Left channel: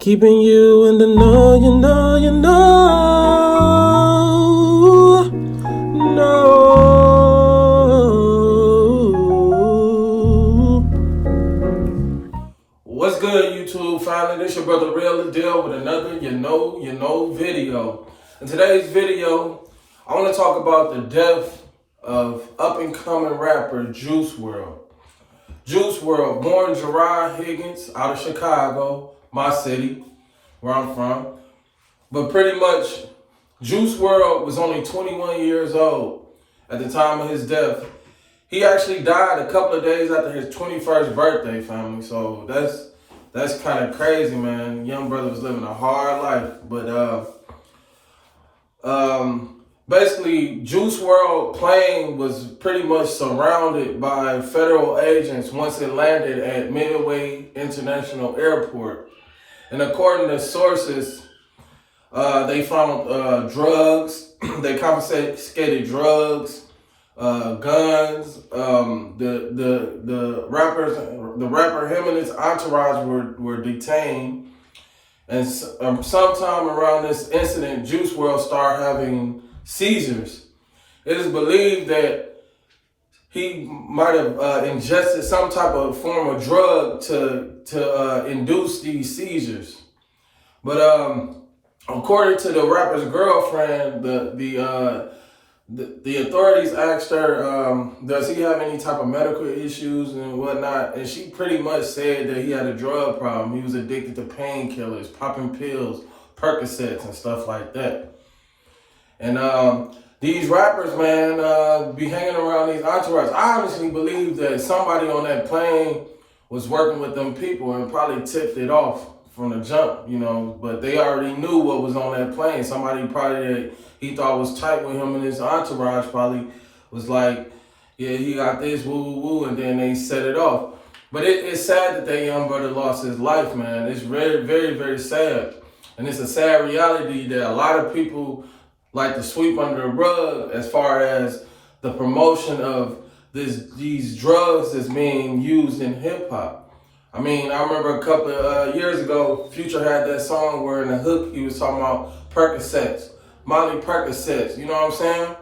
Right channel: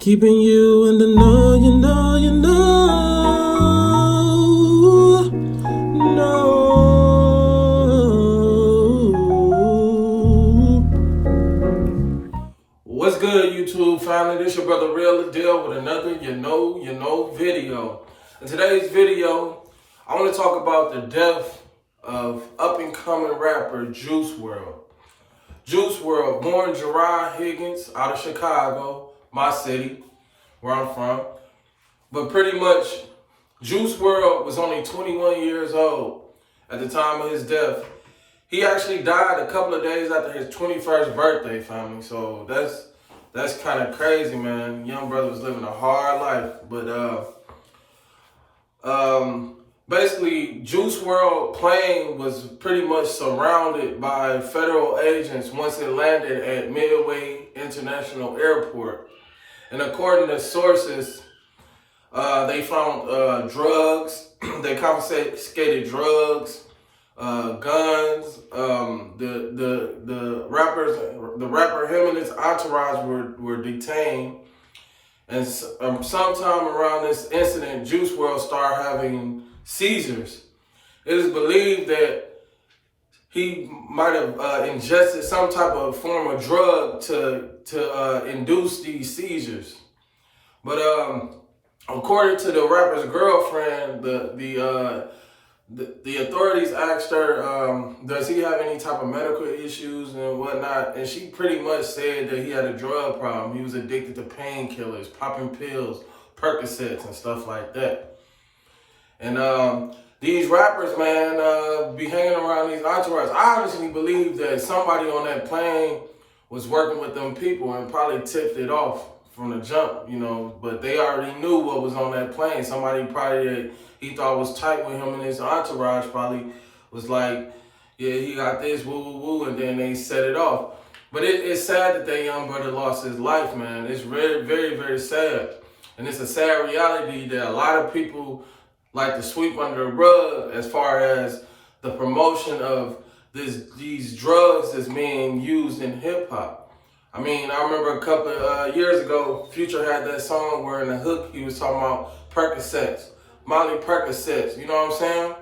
Keeping you in the know, What's good, YouTube family? This your brother Wrld with another video. In today's video, I want to talk about the death of up-and-coming rapper Juice Wrld. Juice Wrld, born Gerard Higgins out of Chicago, my city, where I'm from. But pretty much, Juice Wrld was only 21 years old at the time of his death. He actually died a couple of days after his 21st birthday, family. So that's kind of crazy, man. Young brother was living a hard life. But basically, Juice Wrld plane was pretty much surrounded by federal agents once it landed at Midway International Airport. And according to sources, they found drugs. They confiscated drugs, guns. The rapper, him and his entourage were detained. And sometime around this incident, Juice Wrld started having seizures. It is believed that he might have ingested some type of form of drug to induce these seizures. But according to the rapper's girlfriend, the authorities asked her, does he have any type of medical issues and whatnot? And she pretty much said that he had a drug problem. He was addicted to painkillers, popping pills, Percocets, and stuff like that. And these rappers, man, be hanging around these entourages. I honestly believe that somebody on that plane was working with them people and probably tipped it off from the jump, but they already knew what was on that plane. Somebody probably that he thought was tight with him and his entourage probably was like, yeah, he got this, woo, woo, woo, and then they set it off. But it's sad that that young brother lost his life, man. It's very, very, very sad. And it's a sad reality that a lot of people like to sweep under the rug as far as the promotion of these drugs that's being used in hip hop. I mean, I remember a couple of years ago, Future had that song where in the hook he was talking about Percocets, Molly Percocets, you know what I'm saying?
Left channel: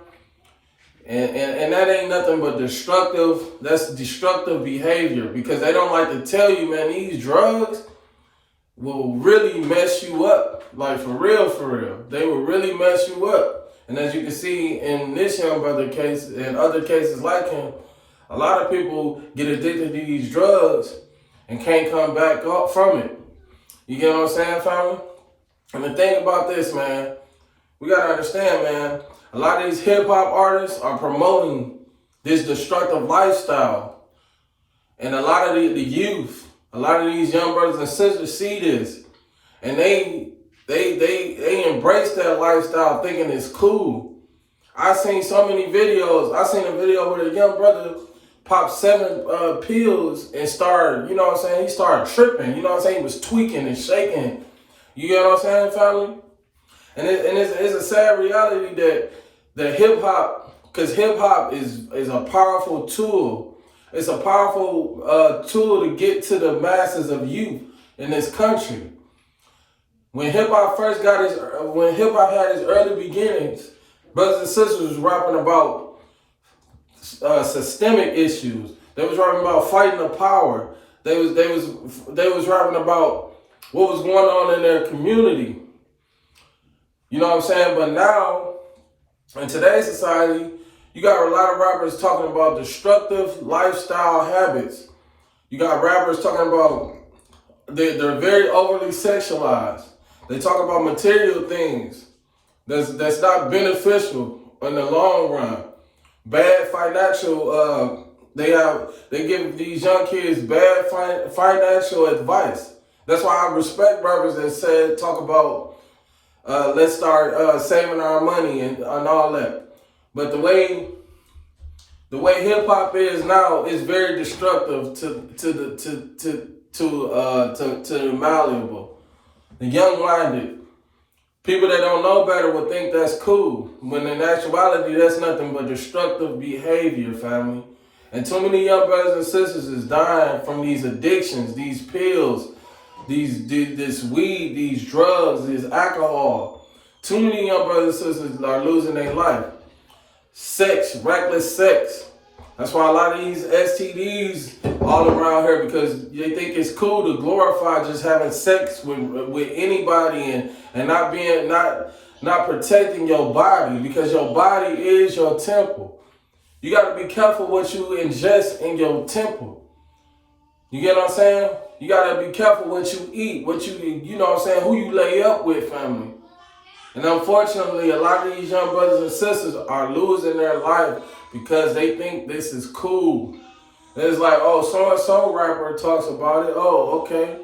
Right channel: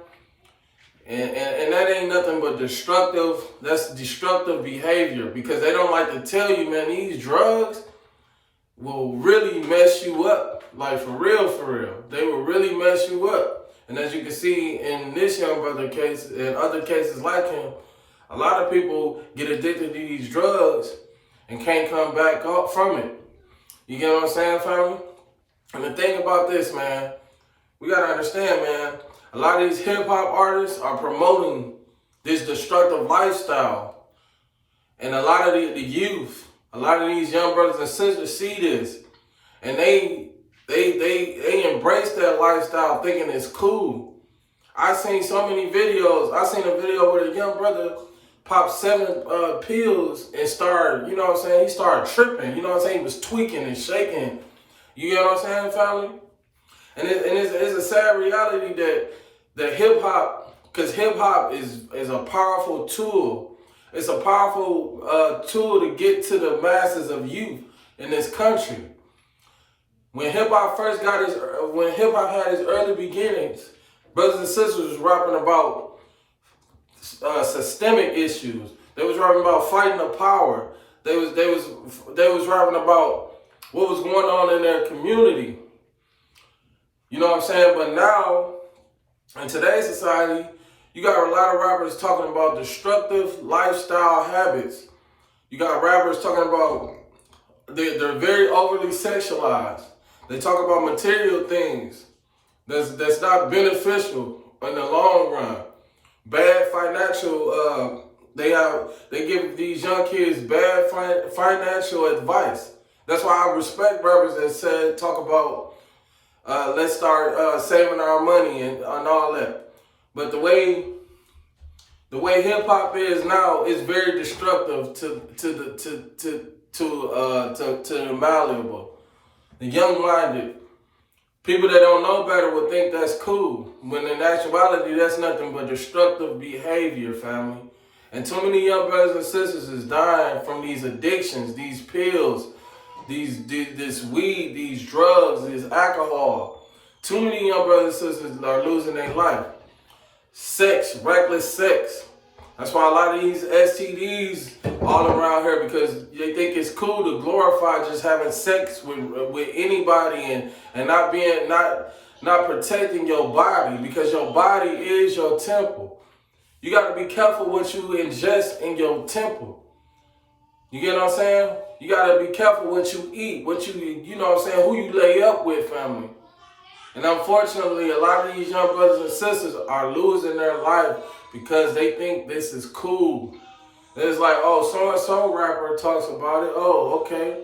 And that ain't nothing but that's destructive behavior, because they don't like to tell you, man, these drugs will really mess you up, like for real. They will really mess you up. And as you can see in this young brother case and other cases like him, a lot of people get addicted to these drugs and can't come back up from it. You get what I'm saying, family? And the thing about this, man, we gotta understand, man, a lot of these hip hop artists are promoting this destructive lifestyle. And a lot of the youth, a lot of these young brothers and sisters see this. And they embrace that lifestyle thinking it's cool. I seen so many videos. I seen a video where a young brother popped 7 pills and started, you know what I'm saying? He started tripping, you know what I'm saying? He was tweaking and shaking. You get what I'm saying, family? And it's a sad reality that hip hop, because hip hop is a powerful tool. It's a powerful tool to get to the masses of youth in this country. When hip hop had its early beginnings, brothers and sisters was rapping about systemic issues. They was rapping about fighting the power. They was rapping about what was going on in their community. You know what I'm saying? But now, in today's society, you got a lot of rappers talking about destructive lifestyle habits. You got rappers talking about they're very overly sexualized. They talk about material things that's not beneficial in the long run. Bad financial, they give these young kids bad financial advice. That's why I respect rappers that talk about let's start saving our money and all that. But the way hip hop is now is very destructive to the malleable, the young-minded. People that don't know better would think that's cool, when in actuality, that's nothing but destructive behavior, family. And too many young brothers and sisters is dying from these addictions, these pills, this weed, these drugs, this alcohol. Too many young brothers and sisters are losing their life. Sex, reckless sex. That's why a lot of these STDs all around here, because they think it's cool to glorify just having sex with anybody and not protecting your body, because your body is your temple. You got to be careful what you ingest in your temple. You get what I'm saying? You got to be careful what you eat, you know what I'm saying, who you lay up with, family. And unfortunately, a lot of these young brothers and sisters are losing their life because they think this is cool. And it's like, oh, so-and-so rapper talks about it. Oh, okay.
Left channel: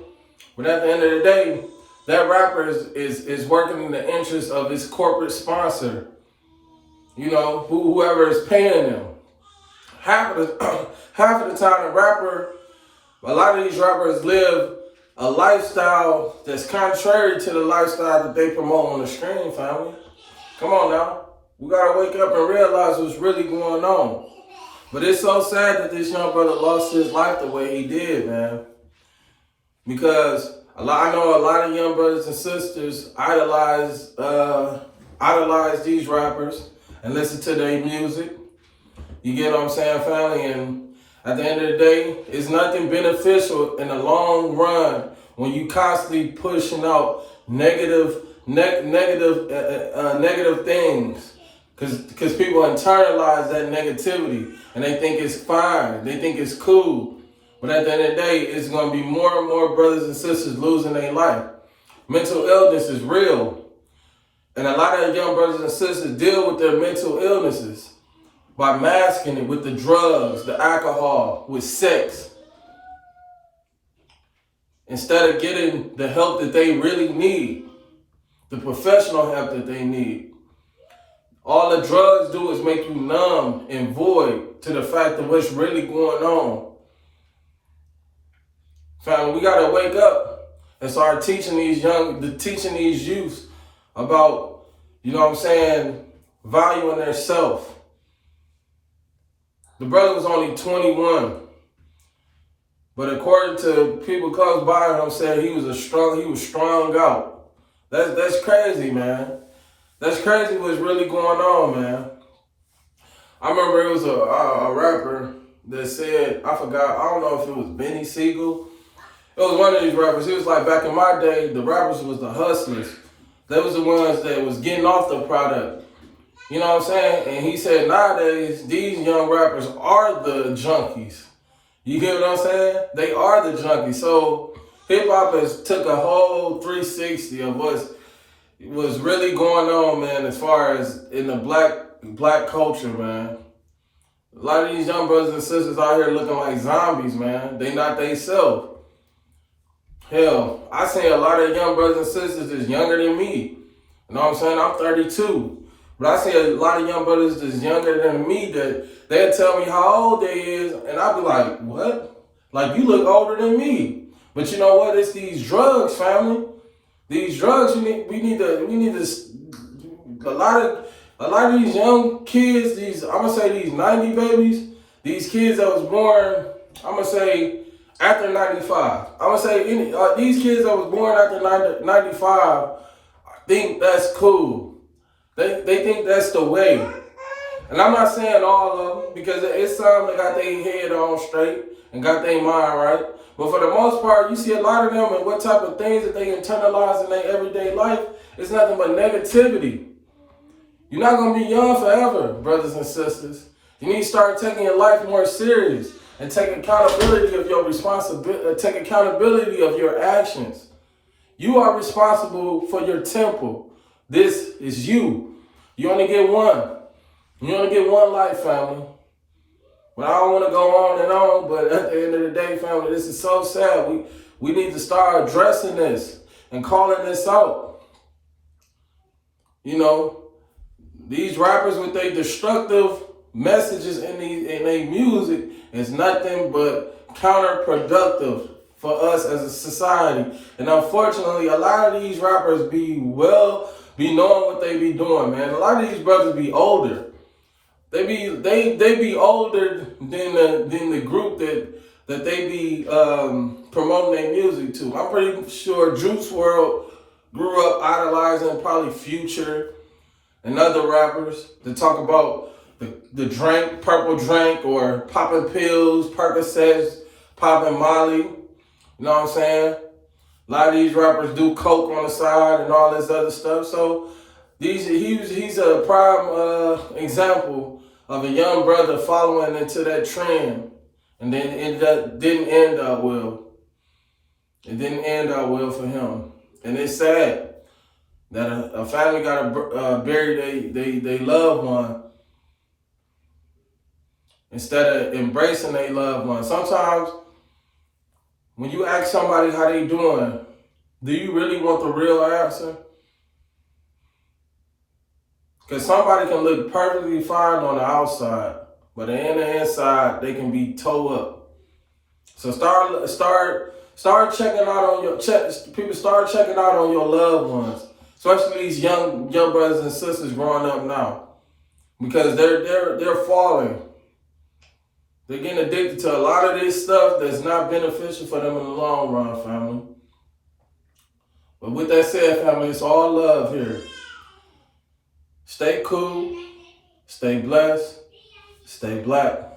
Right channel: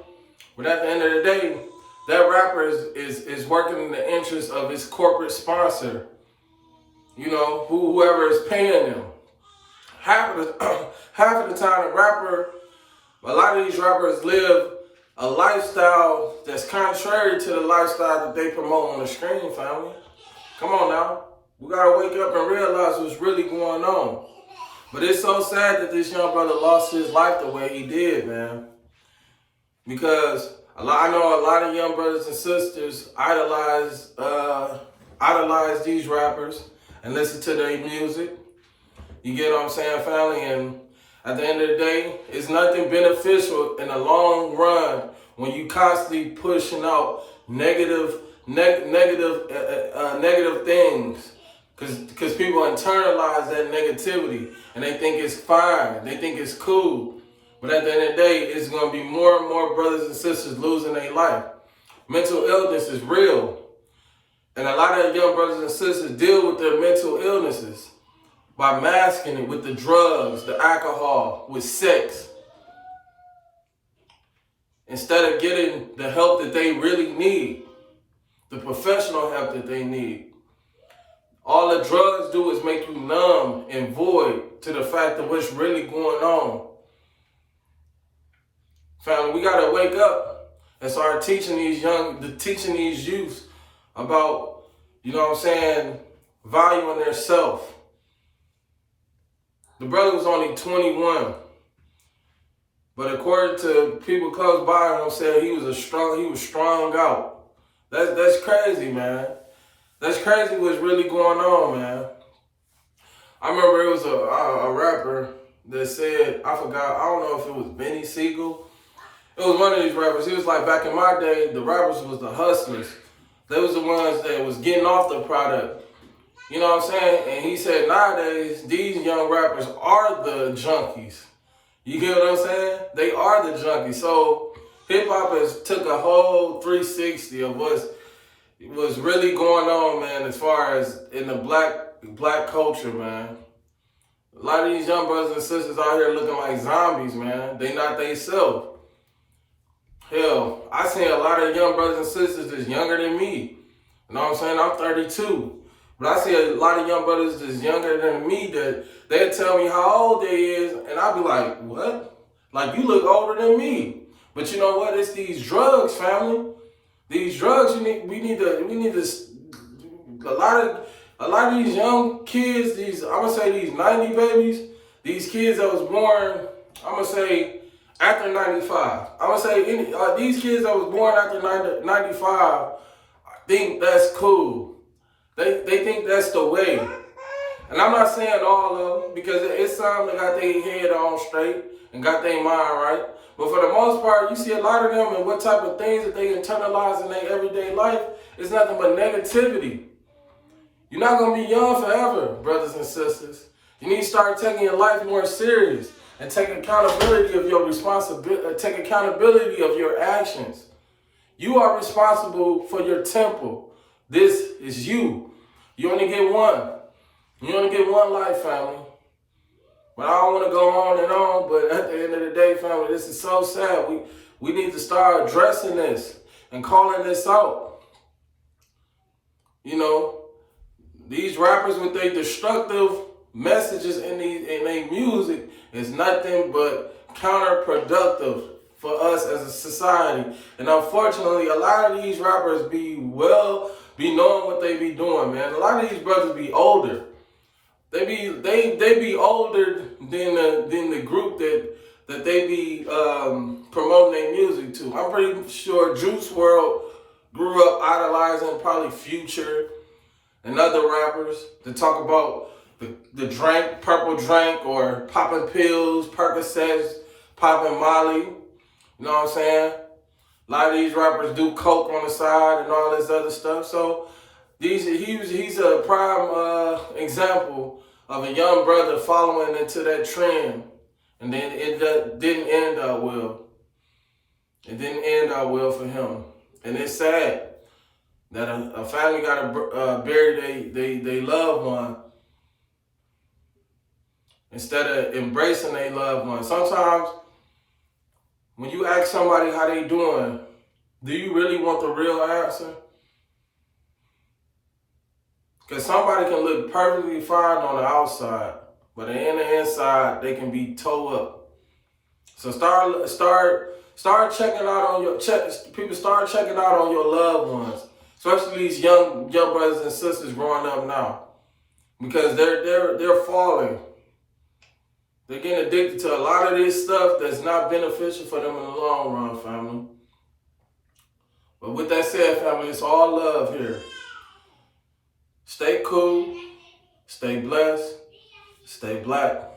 But at the end of the day, that rapper is working in the interest of his corporate sponsor. You know, whoever is paying them. Half of the time, a lot of these rappers live a lifestyle that's contrary to the lifestyle that they promote on the screen, family. Come on now. We gotta wake up and realize what's really going on. But it's so sad that this young brother lost his life the way he did, man. Because I know a lot of young brothers and sisters idolize these rappers and listen to their music. You get what I'm saying, family? And at the end of the day, it's nothing beneficial in the long run when you constantly pushing out negative things, because people internalize that negativity and they think it's fine, they think it's cool. But at the end of the day, it's going to be more and more brothers and sisters losing their life. Mental illness is real, and a lot of young brothers and sisters deal with their mental illnesses by masking it with the drugs, the alcohol, with sex, instead of getting the help that they really need, the professional help that they need. All the drugs do is make you numb and void to the fact of what's really going on. Family, we gotta wake up and start teaching these youth about, you know what I'm saying, valuing their self. The brother was only 21, but according to people close by him, said he was strung out. That's crazy, man. That's crazy what's really going on, man. I remember it was a rapper that said, I don't know if it was Benny Siegel. It was one of these rappers. He was like, back in my day, the rappers was the hustlers. They was the ones that was getting off the product. You know what I'm saying? And he said nowadays, these young rappers are the junkies. You get what I'm saying? They are the junkies. So hip hop has took a whole 360 of what's really going on, man, as far as in the black culture, man. A lot of these young brothers and sisters out here looking like zombies, man. They not they self. Hell, I seen a lot of young brothers and sisters that's younger than me. You know what I'm saying? I'm 32. But I see a lot of young brothers that's younger than me that they'll tell me how old they is, and I'll be like, what? Like, you look older than me. But you know what? It's these drugs, family. These drugs, we need to, a lot of these young kids, I'm gonna say these 90 babies, these kids that was born, I'm gonna say after 95. I'm gonna say these kids that was born after 95 think that's cool. They think that's the way. And I'm not saying all of them, because it's some that got their head on straight and got their mind right. But for the most part, you see a lot of them and what type of things that they internalize in their everyday life, it's nothing but negativity. You're not going to be young forever, brothers and sisters. You need to start taking your life more serious and take accountability of your responsibility, take accountability of your actions. You are responsible for your temple. This is you. You only get one. You only get one life, family. But I don't want to go on and on, but at the end of the day, family, this is so sad. We need to start addressing this and calling this out. You know, these rappers with their destructive messages in their music is nothing but counterproductive for us as a society. And unfortunately, a lot of these rappers be knowing what they be doing, man. A lot of these brothers be older. They be older than the group that they be promoting their music to. I'm pretty sure Juice World grew up idolizing probably Future and other rappers that talk about the drink, purple drink, or popping pills, Percocets, popping Molly. You know what I'm saying? A lot of these rappers do coke on the side and all this other stuff. So he's a prime example of a young brother following into that trend, and then it didn't end out well. It didn't end out well for him, and it's sad that a family got to bury they loved one instead of embracing their loved one. Sometimes when you ask somebody how they doing, do you really want the real answer? Because somebody can look perfectly fine on the outside, but in the inside, they can be toe up. So start checking out on people start checking out on your loved ones, especially these young brothers and sisters growing up now, because they're falling. They're getting addicted to a lot of this stuff that's not beneficial for them in the long run, family. But with that said, family, it's all love here. Stay cool, stay blessed, stay black.